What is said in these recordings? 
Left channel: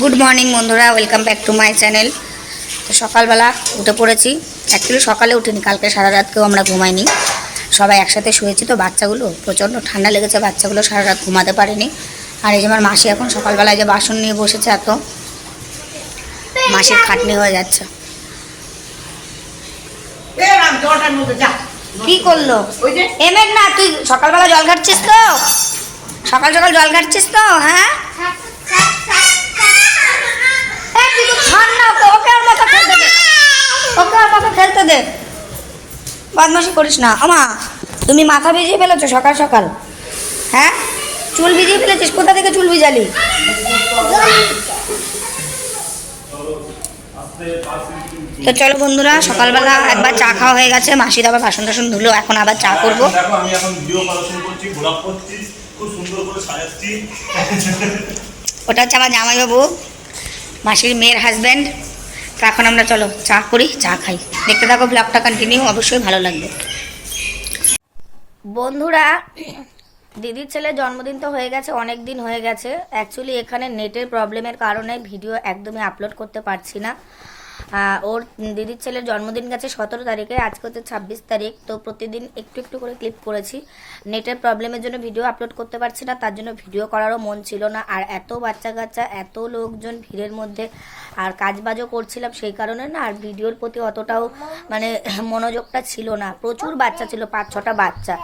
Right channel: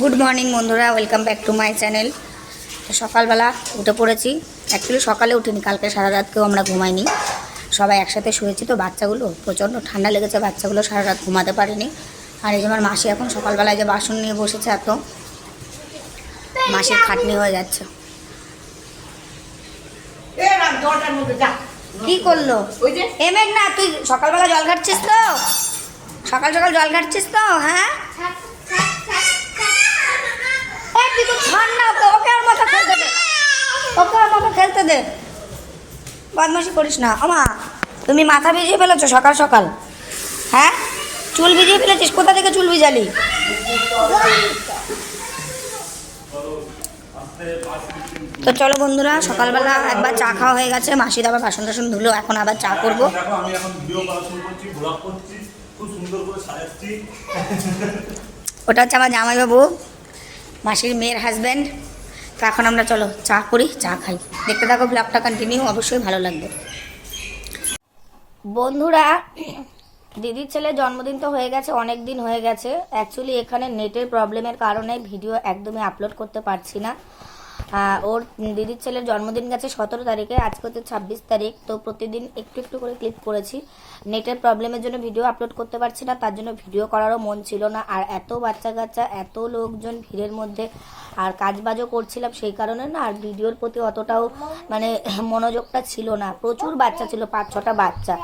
Good morning বন্ধুরা welcome back to my channel তো সকালবেলা উঠে পড়েছি। অ্যাকচুয়ালি সকালে উঠিনি কালকে সারা রাতকেও আমরা ঘুমাইনি। সবাই একসাথে শুয়েছি তো বাচ্চাগুলো প্রচণ্ড ঠান্ডা লেগেছে বাচ্চাগুলো সারা রাত ঘুমাতে পারেনি। আর এই যে আমার মাসি এখন সকালবেলায় যে বাসন নিয়ে বসেছে এত মাসির খাটনি হয়ে যাচ্ছে। কি করল? এমের না তুই সকালবেলা জল ঘাটছিস তো? সকাল সকাল জল ঘাটছিস তো হ্যাঁ এই, তুই তো ছাড় না ওকে, ওকে আর মাথা খেলতে দে। মাথা দে। বদমাশি করিস না। আমা তুমি মাথা ভিজিয়ে ফেলেছো সকাল সকাল। হ্যাঁ? চুল ভিজিয়ে ফেলেছিস? কোথা থেকে চুল ভিজালি? তো চলো বন্ধুরা সকালবেলা একবার চা খাওয়া হয়ে গেছে। মাসির আবার বাসন টাসন ধুলো এখন আবার চা করব। দেখো আমি এখন ভিডিও করছি করছি। খুব সুন্দর করে সাজাচ্ছি। ওটা হচ্ছে আমার জামাইবাবু মাসির মেয়ের হাজব্যান্ড তো এখন আমরা চলো, চা করি, চা খাই। দেখতে থাকো ব্লগটা কন্টিনিউ অবশ্যই ভালো লাগবে। বন্ধুরা, দিদির ছেলে জন্মদিন তো হয়ে গেছে, অনেক দিন হয়ে গেছে। অ্যাকচুয়ালি এখানে নেটের প্রবলেমের কারণে ভিডিও একদমই আপলোড করতে পারছি না। ওর দিদির ছেলের জন্মদিন গেছে সতেরো তারিখে, আজকে হচ্ছে ছাব্বিশ তারিখ, তো প্রতিদিন একটু একটু করে ক্লিপ করেছি। নেটের প্রবলেমের জন্য ভিডিও আপলোড করতে পারছি না, তার জন্য ভিডিও করারও মন ছিল না। আর এত বাচ্চা কাচ্চা, এত লোকজন ভিড়ের মধ্যে আর কাজবাজও করছিলাম সেই কারণে না, আর ভিডিওর প্রতি অতটাও মানে মনোযোগটা ছিল না। প্রচুর বাচ্চা ছিল, পাঁচ ছটা বাচ্চা।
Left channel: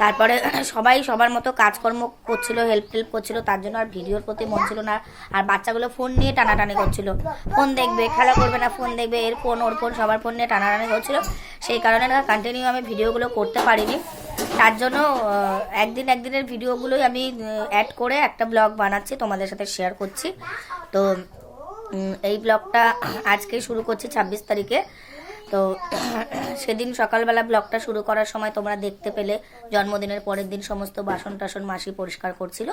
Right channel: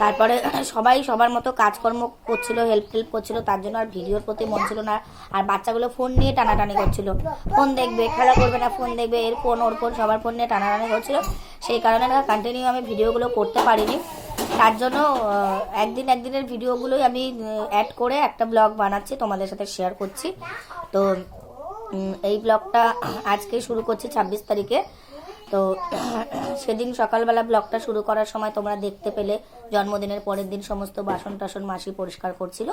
তারপরে সবাই সবার মতো কাজকর্ম করছিল হেল্প টেল্প করছিল, তার জন্য আর ভিডিওর প্রতি মন ছিল না। আর বাচ্চাগুলো ফোন নিয়ে টানাটানি করছিল। ফোন দেখবে, খেলা করবে না ফোন দেখবে, এর ফোন ওর ফোন সবার ফোন নিয়ে টানাটানি করছিল। সেই কারণে না কন্টিনিউ আমি ভিডিওগুলো করতে পারিনি। তার জন্য একদিন একদিনের ভিডিওগুলোই আমি অ্যাড করে একটা ব্লগ বানাচ্ছি, তোমাদের সাথে শেয়ার করছি। তো এই ব্লগটা আজকে শুরু করছি ছাব্বিশ তারিখে। তো সেদিন সকালবেলা ব্লগটা শুরু করার সময় তোমরা দেখতে পেলে জন্মদিনের পরের দিন সমস্ত বাসন টাসন মাসি পরিষ্কার করছিল।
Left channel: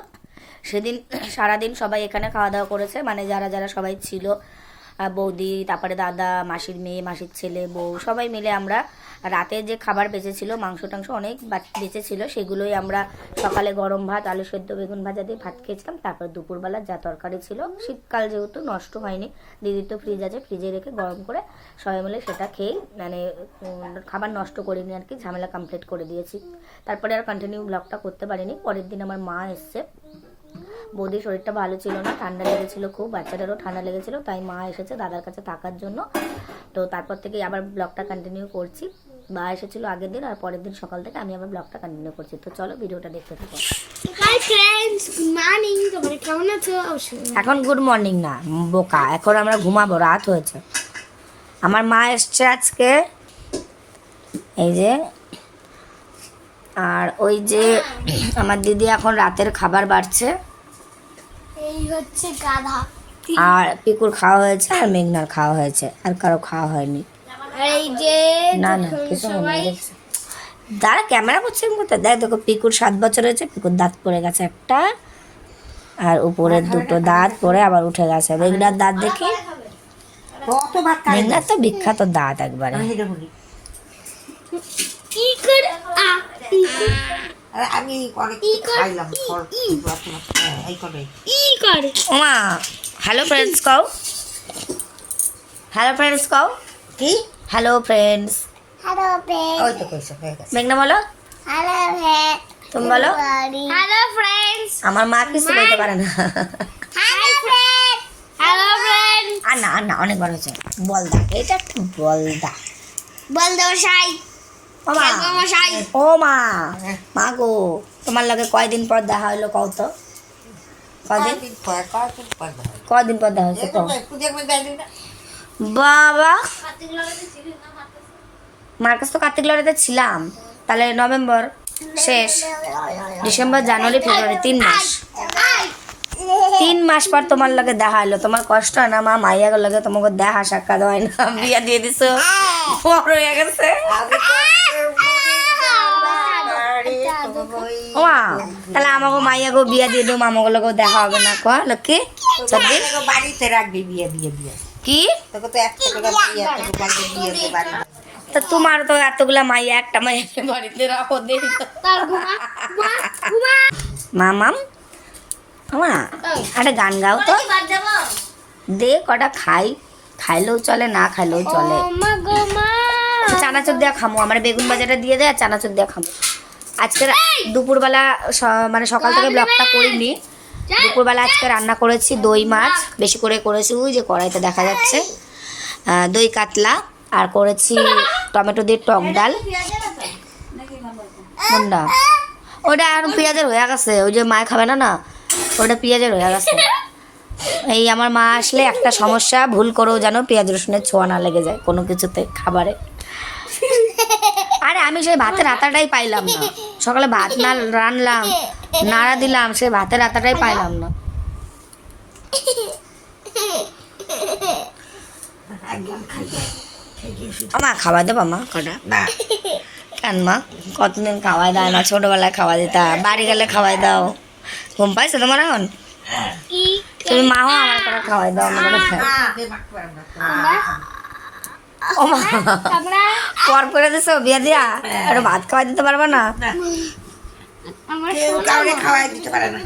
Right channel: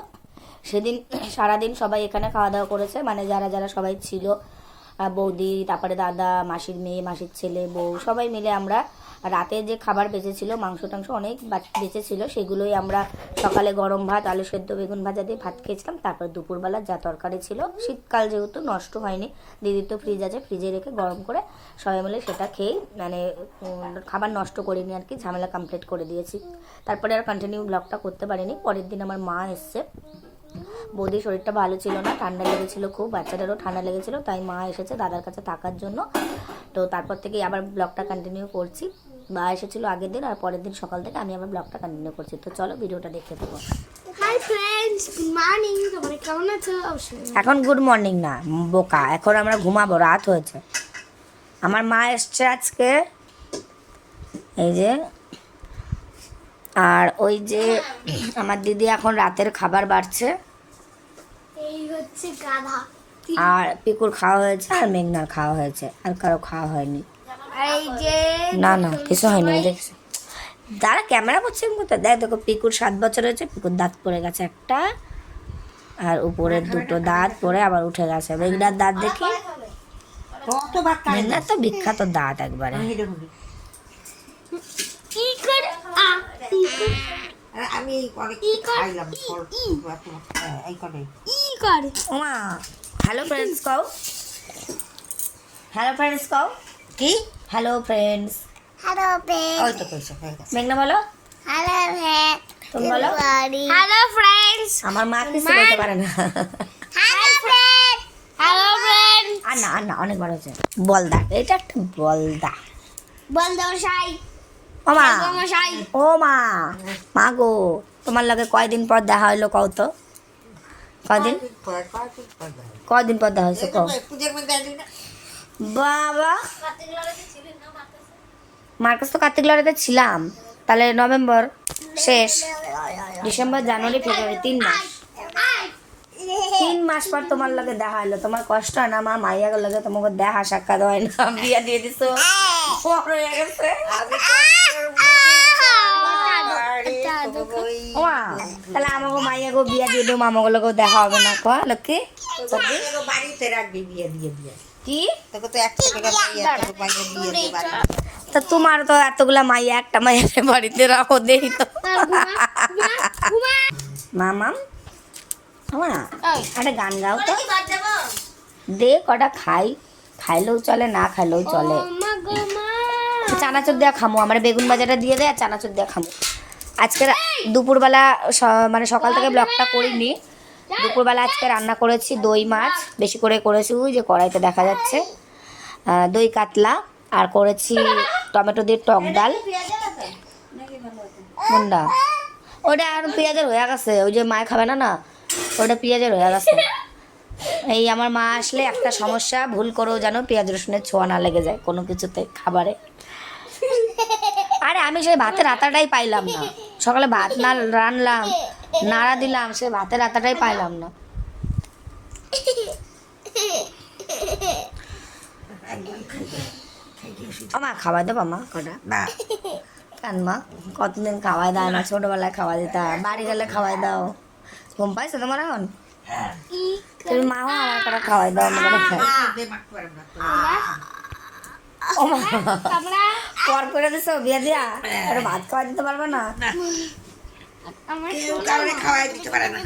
সেদিন সারাদিন সবাই এখানে খাওয়া দাওয়া করেছে মানে যারা যারা সবাই ছিল বৌদি, তারপরে দাদা, মাসির মেয়ে, মাসির ছেলে, বউ, সবাই মিলে আমরা রাতে যে খাবার বেঁচেছিল, মাংস টাংস অনেক বেঁচেছিল, সেগুলোই আমরা সকালে গরম ভাত, আলু সেদ্ধ, বেগুন ভাজা দিয়ে ভাত খেয়েছিলাম। তারপর দুপুরবেলা যা তরকারি ছিল, শীতকাল যেহেতু নষ্ট হয়নি দিদির তো ফ্রিজ আছে ফ্রিজে রেখে গরম করে সবাই মিলে সেটা খেয়েই মানে খাবার নষ্ট করিনি আর কি, ঝামেলা কমপ্লিট করে দিয়েছি। তারপরে আর কন্টিনিউ ব্লগটা করতে পারিনি, পরের দিন আমার মা এসছে। বৌদির শরীরটা ভালো ছিল না ঠান্ডা লেগেছিল খুব বাচ্চাটারও ঠান্ডা লেগেছিল তাই মা এসেছে দাদার কাছে থাকার জন্য। তো তারপর থেকে আবার ব্লগটা কন্টিনিউ করছি। মা এসেছিল আগের দিন আর পরের দিন সকাল থেকে আমি আবার ব্লগটা কন্টিনিউ করছি। তো চলো ভিডিওটা দেখতে থাকো। এখন গুড মর্নিং না বোকা এখন আমরা ঘুমাবো রাত হয়েছে। আমার মা এসছে আজকে এই যে আর ওই যে আমার দিদি এখন রাতের খাবার বাড়ছে। এই হচ্ছে গাধা। আর পিকুর খাওয়া হয়েছে আর মেঘনার খাওয়া হয়েছে আর কারও খাওয়া হয়নি। আর এই যে না না কিছু হয়নি দাঁড়া ক্যামেরা করছে করতে। দেখ দেখো পিকুর সাত বছর হয়েছে পিকুর দাঁত পড়ে গেছে একটা আর উপরের দুটো দাঁত পড়ে আবার উঠে গেছে। মেঘনার দাঁত দেখি? মেঘনার তো বিখ্যাত দাঁত একবারে কি করে আ আমি খাইলাম এই করে। ই হ্যালো ফ্রেন্ডস কও। হ্যালো ফ্রেন্ডস কও। কি? হ্যালো ফ্রেন্ডস হ্যালো ওই তো কইছে হয়ে গেছে। মেঘনা বলো। হ্যালো তুমি বলো। হ্যালো ফ্রেন্ডস আমার মা কিছু বলতে পারে না। হ্যালো ফ্রেন্ড হ্যালো ফ্রেন্ড আর না আর না অনেকবার হয়েছে। বলদা এটা একটা বলদা। বল দাও সাই। ও মা বাবা ও মা মা গো তোমার লাগে কয়দিন পর দেখা হইল কও তো? কদিন কদিন পর কদিন পর দেখা হয়েছে বাবা। মার কাছে? তো কার্তিক লড়াইতে ছিলাম। তাহলে নভেম্বর শেষ। ডিসেম্বর জানুয়ারি ফেব্রুয়ারি তিন মাস। তিন মাস পর তোমার লগে দেখা হলো তোমার কষ্ট হয় না মা মাইয়া লগে তোমাকে দেখা সাক্ষাৎ হয় না। বিয়া দিয়ে দিছো। বড় হয়ে গেছে। আমাকে মাইয়া গো বিয়া দিয়ে দিও আমাকে লগে দেখা হবে না কয় লক্ষ্মী? বাড়িতে রাখবি বিয়ে দিয়ে দিয়ে। কি? তোকে তো একশো টাকা দিয়ে বাড়িতে দিয়ে দিয়ে বাড়ি তা তোমার তো এতগুলা মাইয়া একটা মাইয়া বাড়িতে রাখো দেখি তো। মামাম আমা একটা গান গাও তো। দে কটা খাই। খাইলেও চলে না খাইলেও চলে। চানাচুর দেওয়া খামো আমার বেগুন বাজারটা দিয়ে দেয় আর চানাচুর দেওয়া খামো। আজকে দুপুরবেলা মানে সকাল থেকে ব্লগটা করিনি। দুপুরবেলা আজকে রান্না করেছি দই মাছ বেশি করে করেছি ওই যে কড়াইতে দেখা যাচ্ছে। দই কাতলা আর করেছি টমেটো দিয়ে টক ডাল। ওটা এখন পেঁয়াজের হয়ে গেছে। ওই যে মায় খাবে না না? ওটা পেঁয়াজের হয়ে গেছে। এই আমার মা আসলে একটা সমস্যা ভুল করেও যেন পেঁয়াজ রসুনের ছোঁয়া না লেগে যায় কোনো কিছুতে খাবারে। আরে আমি সেই ভাতের আতাটাই পাইলাম না সকালে ভাত না রানলাম নাড়া দিলাম সেই ভাতের আতাটাই পাইলাম না মা খাওয়া দেবো মা কটা না কেন মা কতদিন খাওয়াই দেয় না ছোটবেলায় খাওয়া দিতা বাড়ি গেলে খাওয়াই দাও ঘুম পাইছো তোমার এখন তুমি মাও আমার করে খাওয়াই দাও আমার পর করে দিছো বিয়ে দিয়া। একটু ভাত খাওয়াই দিতে পারবে না? কাউরে খাওয়াই দিতে পারে না।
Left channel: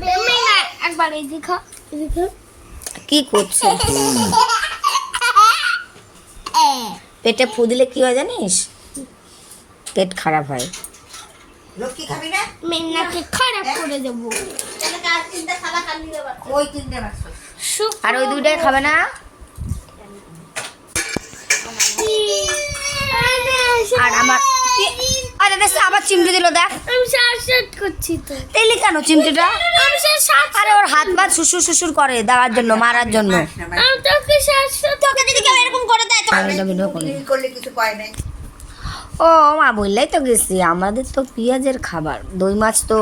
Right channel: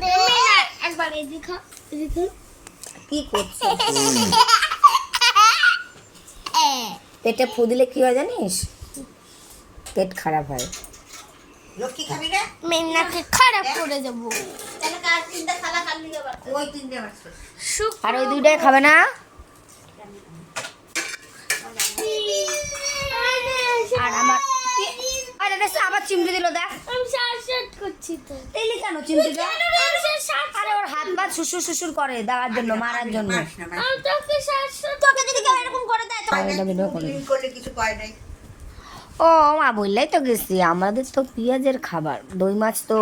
একবার দেখো কি করছ? পেটে ফু দিলে কি হয় জানিস? পেট খারাপ হয়। লক্ষ্মী খাবি না? মেয়েনাকে খারাপ করে দেবো। ওই তিনটে মাছ আর ওই দুইটাই খাবে না? আর আমার আরে দেখ আবার চিমটি দিল দেখ। আমি শ্বাস করছি তো। তেলি কেন চিমটিটা? আমি শ্বাস আরে ওর হাত পা শ্বশুর শ্বশুর করে দেওয়ার জন্য মারার জন্য। আমি তোকে শ্বাস তোকে যদি কেউ এরকম করে দেয় তো আমি তো ভিডিও করি দিন করলে কিছু কয় নাই। ও মা বললেই তো গেছি। আমাদের তো পেঁয়াজের খাবার। দই মাছ তো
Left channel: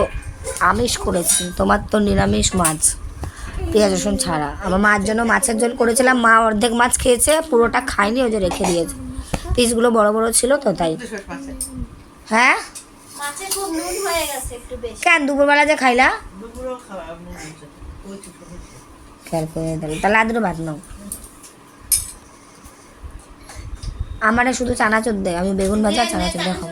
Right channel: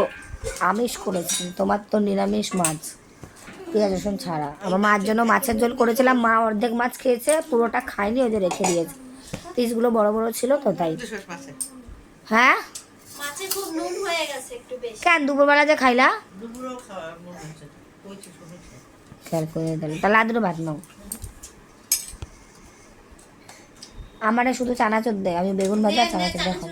আমিষ করেছি তোমার তো নিরামিষ মাছ। পেঁয়াজ রসুন ছাড়া। আমার মার জন্য মাছের ঝোল করেছিলাম মা অর্ধেক মাছ খেয়েছে পুরোটা খায়নি ওই যে রেখে দিয়েছে। পিসগুলো বড় বড় ছিল তো তাই। হ্যাঁ? মাছে খুব নুন হয়ে গেছে একটু বেশি। কেন দুপুরবেলা যে খাইলা? খেয়াল করে দিলাম তাহলে আদরে ভাত নাও। আমার শুধু চানাচুর দেয় আমি বেগুন ভাজা চানাচর চানাচুর দিয়ে খাব।